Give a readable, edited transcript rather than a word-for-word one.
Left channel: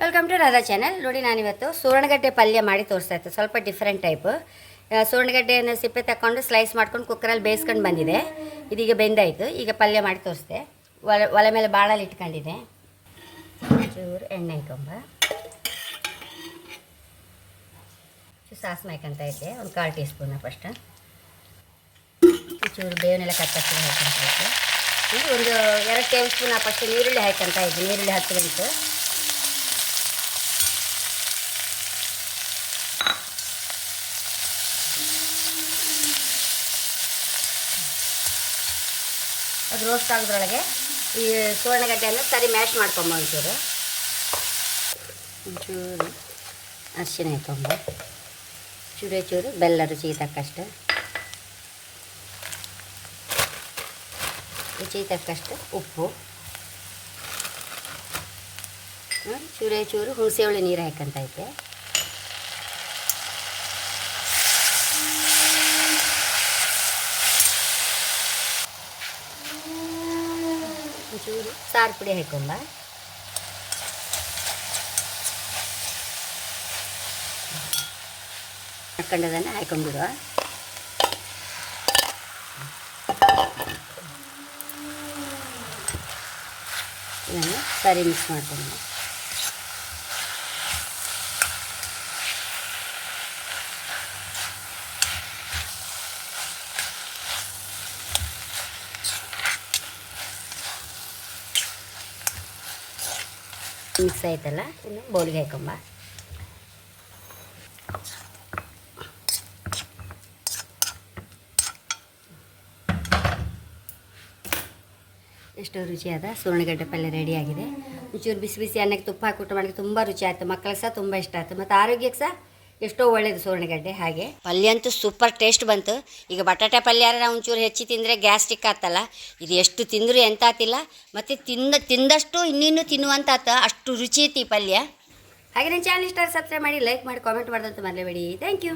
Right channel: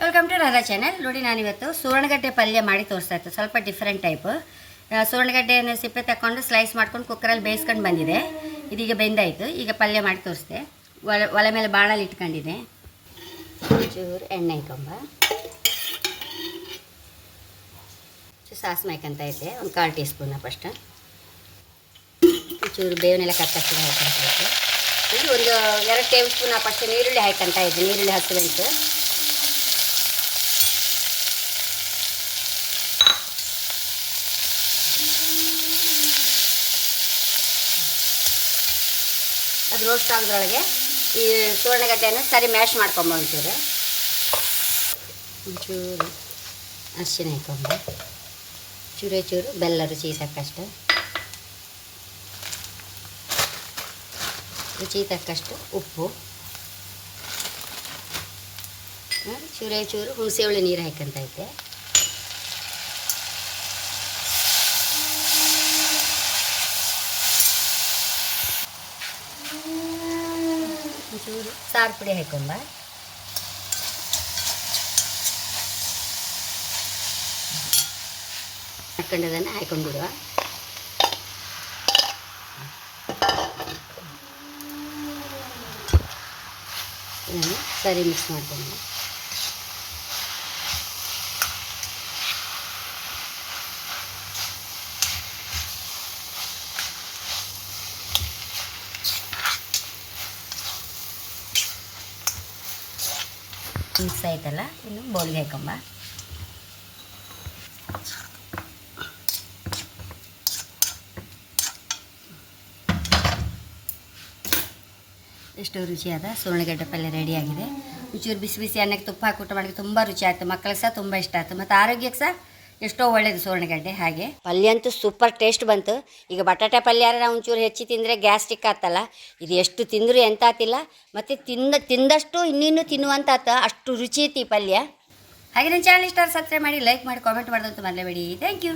Welcome to Radha channel. ನೋಡಿ, ನಾನಿವತ್ತು ಸುವರ್ಣಗಡ್ಡೆ ಪಲ್ಯ ಮಾಡಿ ತೋರಿಸ್ತಾ ಇತ್ತು. ಸ್ವಲ್ಪ ಡಿಫ್ರೆಂಟ್ ಟೈಪ್. ಸುವರ್ಣಗಡ್ಡೆಯನ್ನು ಸಿಪ್ಪೆ ತಗೊಂಡು ಸ್ಲೈಸ್ ಮಾಡ್ಕೊಂಡು ಕುಕ್ಕರಲ್ಲಿ ಬೇಯಿಸ್ಕೊಂಡು ಬಂದಿದೆ. ಇದೀಗ ಬೆಂದಾಯಿತು. ಈಗ ಪಲ್ಯ ಮಾಡಿ ತೋರಿಸ್ದೆ. ಒಲೆ ಮೇಲೆ ಬಾಣಲ್ಲಿ ಇಟ್ಕೊಂಡಿದೆ. ಚೂರು ಎಣ್ಣೆ ಹಾಕೊಂಬ, ಸಾಸಿವೆ ಹಾಕಂತ ಇದ್ದೆ, ಒಂದು 1/4 ಟೀ ಸ್ಪೂನ್ ಫಸ್ಟ್. ಚೂರು ಬೇವನ್ನೆಲ್ಲ ಕತ್ತರಿಸಿ ಹಾಕಂತ ಇದ್ದೆ. ಇದು ಒಂದು 2 ಟೇಬಲ್ ಸ್ಪೂನ್ ಫಸ್ಟ್ ನೀರುಳ್ಳಿ ಹಾಕಂತ ಇದ್ದೆ. ನೀರುಳ್ಳಿ 10 ಗಂಟು. ಅದು ರೋಸ್ಟ್ ಆಗೋದ್ರೊಳಗೆ ಈ ಸುವರ್ಣಗಡ್ಡೆಯನ್ನು ಸರಿ ಮ್ಯಾಶ್ ಮಾಡ್ಕೊಂಬ. ಒಂಚೂರು ಅರಿಶಿನ ಹಾಕೊಂಬ, ಚೂರು ಬೆಲ್ಲ ರುಚಿ ತಕ್ಕಷ್ಟು, ಉಪ್ಪು, ಚೂರು ಹುಣಸೆ ಹುಳಿ ನೀರು ಹಾಕಂತ ಐತೆ. ಚೂರು ಸಾರು ಪುಡಿ ಹಾಕೊಂಡ, ಹಾಕೊಂಡದನ್ನು ಹಾಕೊಂಡ್ಬಿಡುವ. ಇದನ್ನು ಸರಿ ಮಿಕ್ಸ್ ಮಾಡ್ಕೊಂಡು ಮಿಕ್ಸ್ ಆಯ್ತಲ್ಲ, ಇನ್ನು ಬೌಲ್ಗೆ ಹಾಕೊಂಬ. ಎಷ್ಟೋ ರುಚಿಯಾದ ಸುವರ್ಣಗಡ್ಡೆ ಪಲ್ಯ ರೆಡಿಯಾಗಿದೆ. ಒಂಚೂರು ಬಿಸಿ ಬಿಸಿ ಅನ್ನಕ್ಕೆ ತುಪ್ಪ ಹಾಕಿ ಊಟ ಮಾಡೋಕ್ಕೆ ತುಂಬ ರುಚಿ ಆಯಿತು. ಮಕ್ಕಳಿಗೆ ಸಹ ತುಂಬ ಇಷ್ಟ ಆಯಿತು, ಮತ್ತು ಆರೋಗ್ಯಕ್ಕೆ ಸಹ ಎಷ್ಟೋ ಒಳ್ಳೆಯದು ಸುವರ್ಣಗಡ್ಡೆ. ಹಾಗೆ ಪಲ್ಯ ಅಂತೂ ಸೂಪರ್ ಟೇಸ್ಟ್ ಬಂತು. ಈಗ ಬಟಾಟೆ ಪಲ್ಯ ನಾವು ಒಂಚೂರು ಹೆಚ್ಚಿ ತಿಂದರೆ ಗ್ಯಾಸ್ಟ್ರಿಕ್ ಆತಲ್ಲ, ಇದು ಎಷ್ಟು ತಿಂದರೂ ಎಂತ ಆತಿಲ್ಲ, ಮತ್ತು ತಿಂದಷ್ಟು ಇನ್ನಿನ್ನೂ ತಿನ್ನುವಂತ ಆತ. ಅಷ್ಟು ರುಚಿ ಐತಿ ಈ ಪಲ್ಯ. ಹಾಗೆ ನನ್ನ ಚಾನಲ್ ಇಷ್ಟ ಸಬ್ಸ್ಕ್ರೈಬ್ ಮಾಡಿ, ಲೈಕ್ ಮಾಡಿ, ಕಾಮೆಂಟ್ ಮಾಡೋದಂತೂ ಮರೆಯಬೇಡಿ. Thank you.